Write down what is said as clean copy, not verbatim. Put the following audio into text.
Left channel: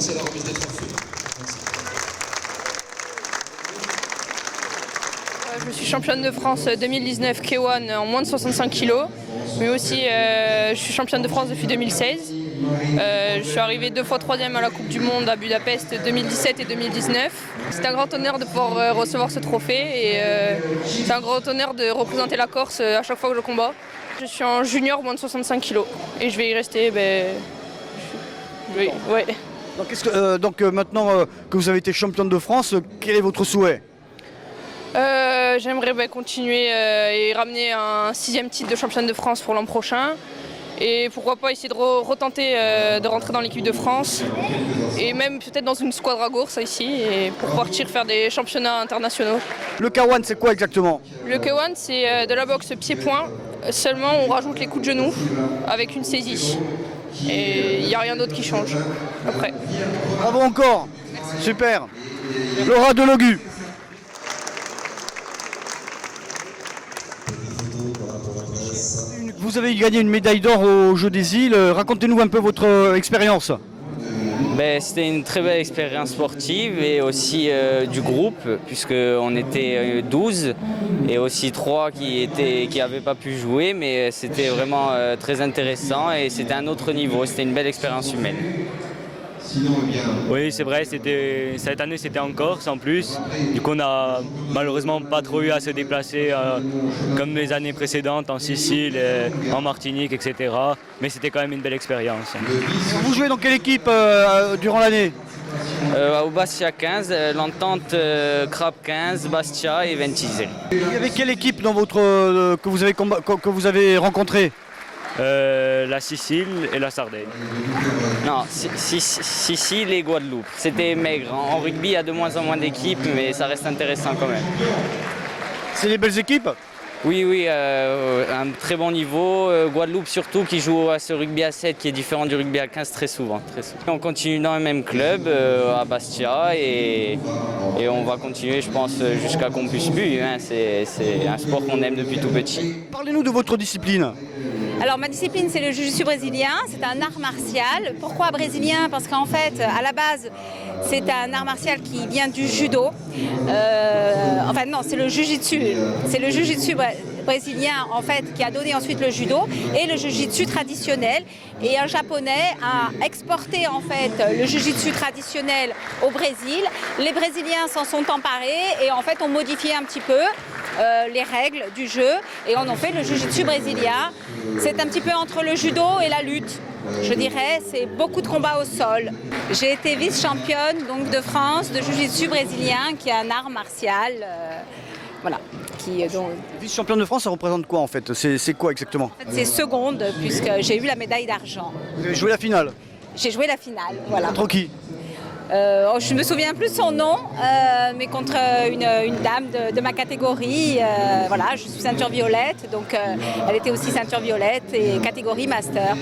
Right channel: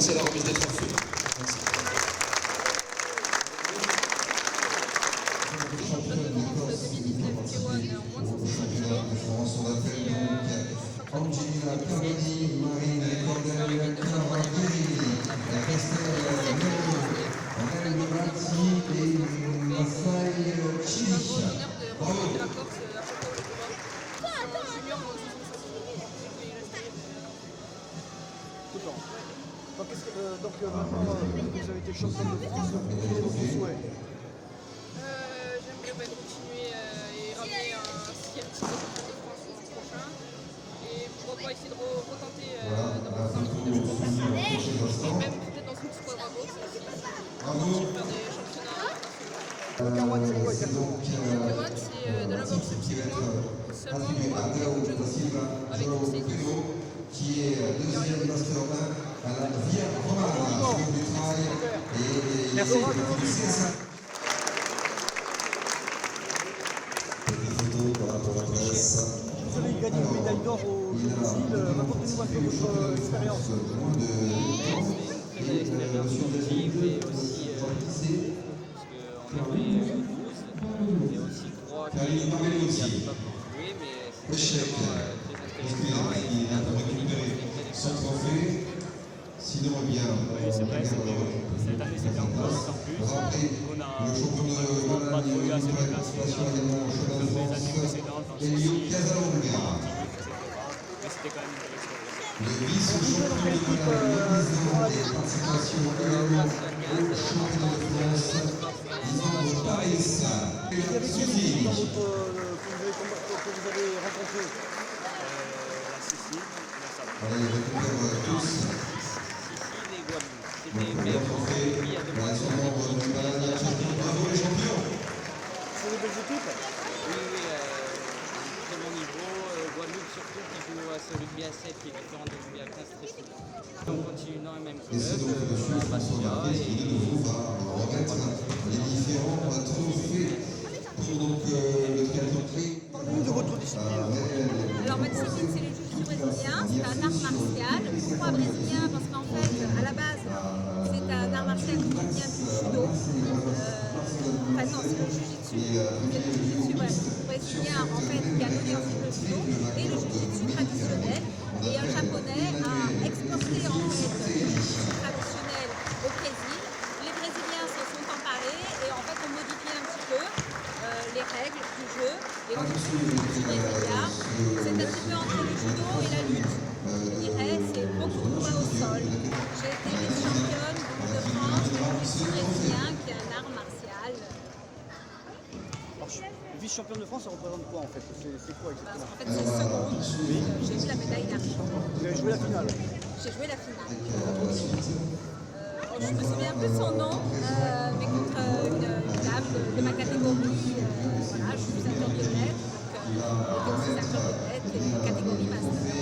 passer à la remise des trophées. Merci. Je suis championne de France 2019 K1 en moins de 65 kg, mais aussi je suis championne de France depuis 2016. Je suis arrivée 2 fois 3e à la Coupe du Monde à Budapest 2017 et 2019. C'est un grand honneur de pouvoir recevoir ce trophée et c'est un grand honneur de représenter la Corse à chaque fois que je combats. Je suis en junior moins de 65 kg et je vais y rester. Ouais. Donc maintenant que vous avez été championne de France, quel est votre souhait? J'aimerais continuer et ramener un 6e titre de championne de France pour l'an prochain. Et pourquoi pas essayer de retenter de rentrer dans l'équipe de France et même peut-être dans une squadra Gourse ici et pour partir faire des championnats internationaux. Le K1 c'est quoi exactement? Le K1 c'est de la boxe pied-point, seulement on rajoute les coups de genou avec une saisie. Et il n'y a rien d'autre qui change après. Bravo encore. Super. Laura Delogu. Vous avez gagné une médaille d'or aux Jeux des Îles. Racontez-nous un peu votre expérience. C'était une très belle expérience sportive et aussi du groupe, puisqu'on était 12 et aussi 3 qui n'avaient pas pu jouer, mais c'était vraiment très intéressant et c'était un autre niveau, c'était une belle expérience humaine. Oui, c'est vrai, cette année c'était en Corse en plus. Du coup, on n'a malheureusement pas trop eu à se déplacer comme les années précédentes en Sicile, en Martinique, etc. Mais c'était quand même une belle expérience. Vous jouez dans quelle équipe durant l'année? Au Bastia 15, l'Entente Crap 15, Bastia et Ventisel. Il y avait quelle équipe dans que vous avez rencontré? La Sicile et la Sardaigne. Non, Sicile et Guadeloupe. C'était maigre. En rugby, il y a de moins en moins d'équipes, mais ça reste intéressant quand même. C'est des belles équipes? Oui, un très bon niveau. Guadeloupe surtout, qui joue à ce rugby à 7 qui est différent du rugby à 15 très souvent. On continue dans le même club à Bastia et on va continuer, je pense, jusqu'à Campus Bu. C'est un sport qu'on aime depuis tout petit. Parlez-nous de votre discipline. Alors ma discipline c'est le jiu-jitsu brésilien, c'est un art martial. Pourquoi brésilien? Parce qu'en fait à la base c'est un art martial qui vient du judo. Enfin non, c'est le jiu-jitsu. C'est le jiu-jitsu brésilien en fait qui a donné ensuite le judo et le jiu-jitsu traditionnel. Et un japonais a exporté en fait le jiu-jitsu traditionnel au Brésil. Les Brésiliens s'en sont emparés et en fait ont modifié un petit peu les règles du jeu et on en fait le jiu-jitsu brésilien. C'est un petit peu entre le judo et la lutte. Je dirais, c'est beaucoup de combats au sol. J'ai été vice-championne donc de France de jiu-jitsu brésilien qui est un art martial. Voilà. Vice-championne de France, ça représente quoi en fait? C'est quoi exactement? En fait, c'est seconde puisque j'ai eu la médaille d'argent. Vous avez joué la finale? J'ai joué la finale, voilà. Contre qui? Je ne me souviens plus de son nom, mais contre une dame de ma catégorie. Voilà, je suis ceinture violette, donc elle était aussi ceinture violette et catégorie master.